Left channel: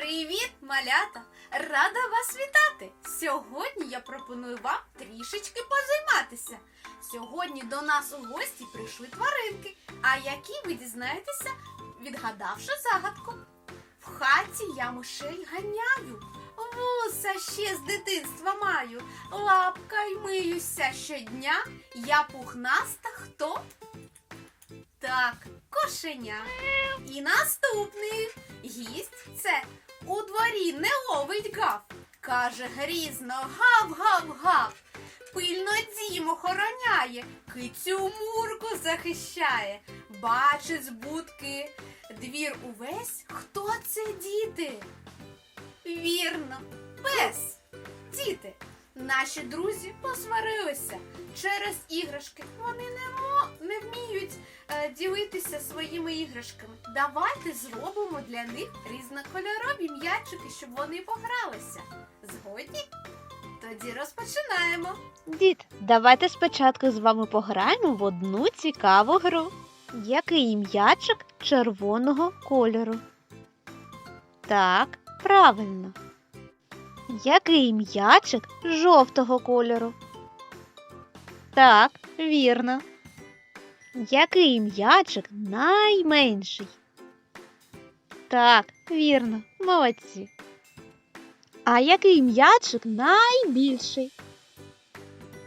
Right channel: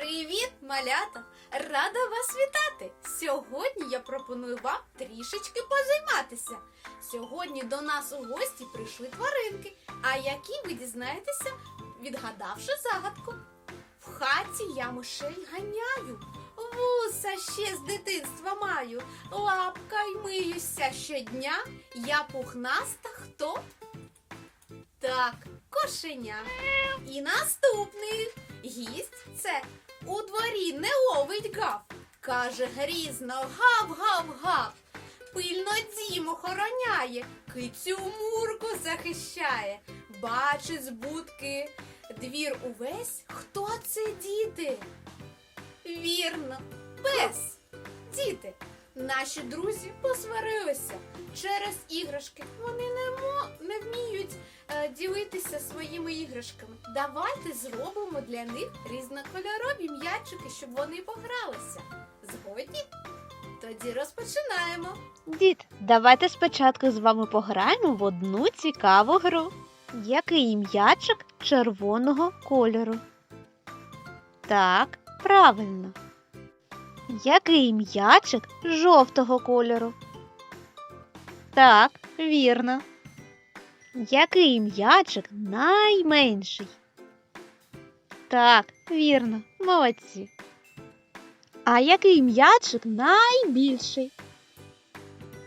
Привіт, малята! Рада вас вітати! Сьогодні я пропоную вам трішечки позайматися. Сьогодні до нас у гості прийшли тваринки, а які ви дізнаєтеся, відгадавши загадку. В хаті я мишей ганяю, вуса ще з дитинства маю, лапкою миюся щодня, я пухнаста хто? Так, кошеня. І наступний гість це дворі не ловить гав. Каже грізно гав-гав-гав. Пильно дім охороняє, кицю мурку захищає. Бачить з будки двір увесь. Хто це діти? Вірно, пес. Діти. Наші друзі посварилися через іграшки. Вони не, ділитися своїми іграшками. Давайте зробимо для них різнокольорові м'ячики, щоб вони погралися. Згодні? Тоді розпочинаємо. Дід, давайте спочатку з вами пограємо в одну цікаву гру. Який м'ячик червоного кольору? Так, правильно. Який м'ячик жовтого кольору? Так, вірно. Який м'ячик найменший? Так, вірно, молодці. А який м'ячик найбільший?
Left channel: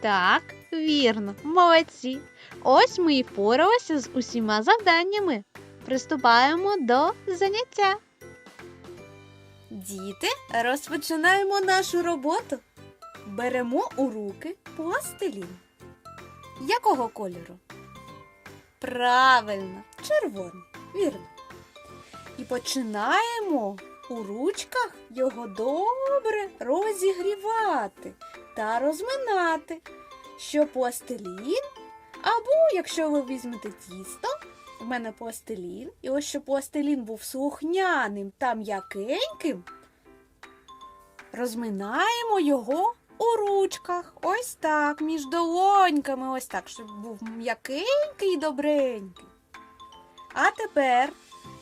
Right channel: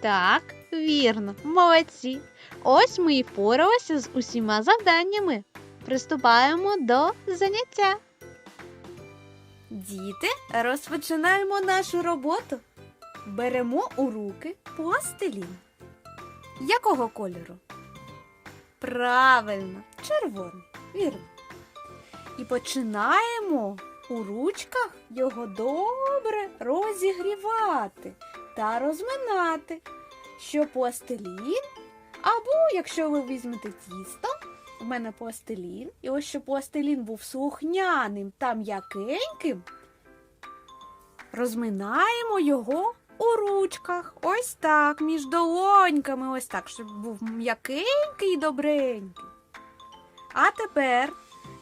Так, вірно, молодці. Ось ми і впоралися з усіма завданнями. Приступаємо до заняття. Діти, розпочинаємо нашу роботу. Беремо у руки пластилін. Якого кольору? Правильно, червоний. Вірно. І починаємо у ручках його добре розігрівати та розминати, щоб пластилін, або якщо ви візьмете тісто, в мене пластилін, і ось щоб пластилін був слухняним та м'якеньким, розминаємо його у ручках. Ось так, між долоньками, ось так, щоб був м'якенький і добренький. А тепер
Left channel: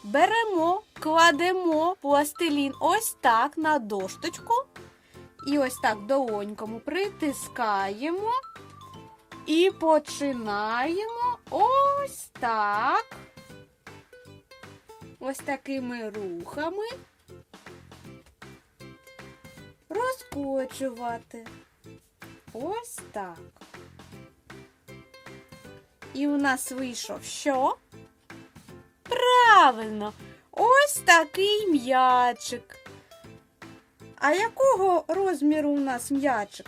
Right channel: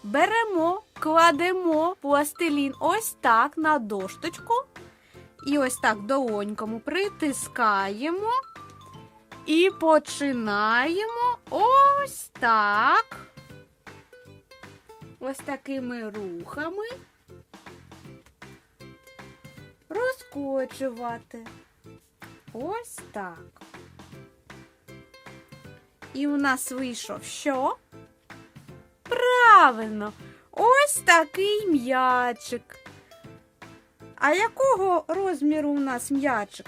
беремо, кладемо пластилін ось так на дошточку. І ось так долоньками притискаємо і починаємо ось так. Ось такими рухами розкочувати. Ось так. І у нас вийшов що? Правильно, ось такий м'ячик. А якого розміру у нас м'ячик?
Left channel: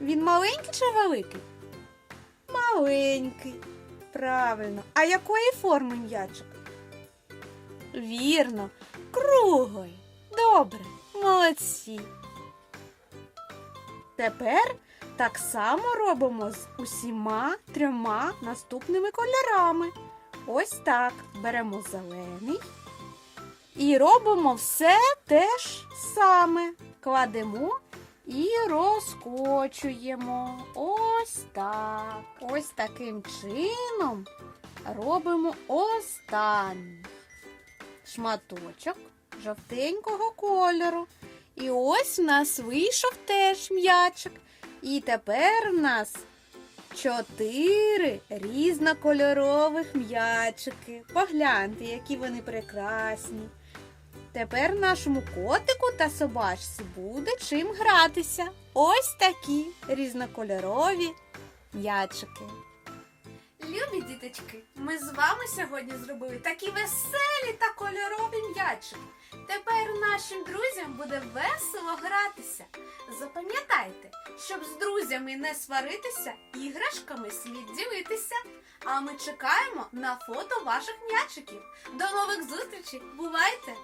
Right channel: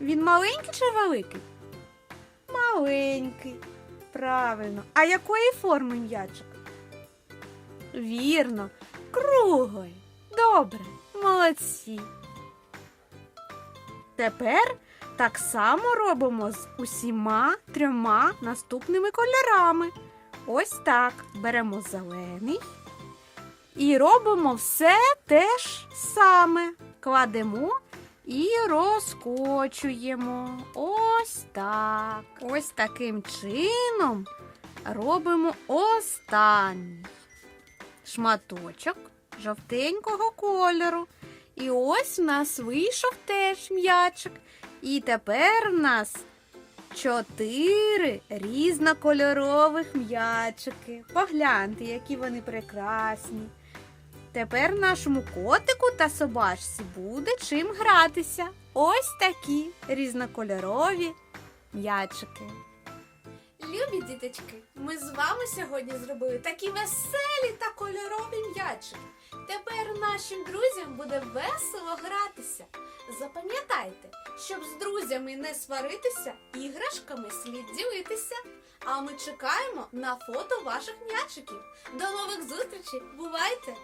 Він маленький чи великий? Маленький. Правильно. А якої форми м'ячик? Вірно, круглий. Добре, молодці. Тепер так само робимо з усіма трьома наступними кольорами. Ось так. Беремо зелений і робимо все те ж саме. Кладемо і розкочуємо. Ось так. Ось таким чином робимо останній шматочок жовтенького кольору. І ось у нас вийшов теж м'ячик. І тепер у нас чотири різнокольорових м'ячики. Погляньте, які вони прекрасні. Тепер нашому котику та собачці буде чим гратися. Ось такі різнокольорові м'ячики. Любі діточки, ми з вами сьогодні зробили такі веселі та кольорові м'ячики. Тепер нашим друзям буде весело гратися. Запам'ятайте, щоб з друзями не сваритися, іграшками слід ділитися. А ми чекаємо на фото ваших м'ячиків. До нових зустрічей! Бувайте!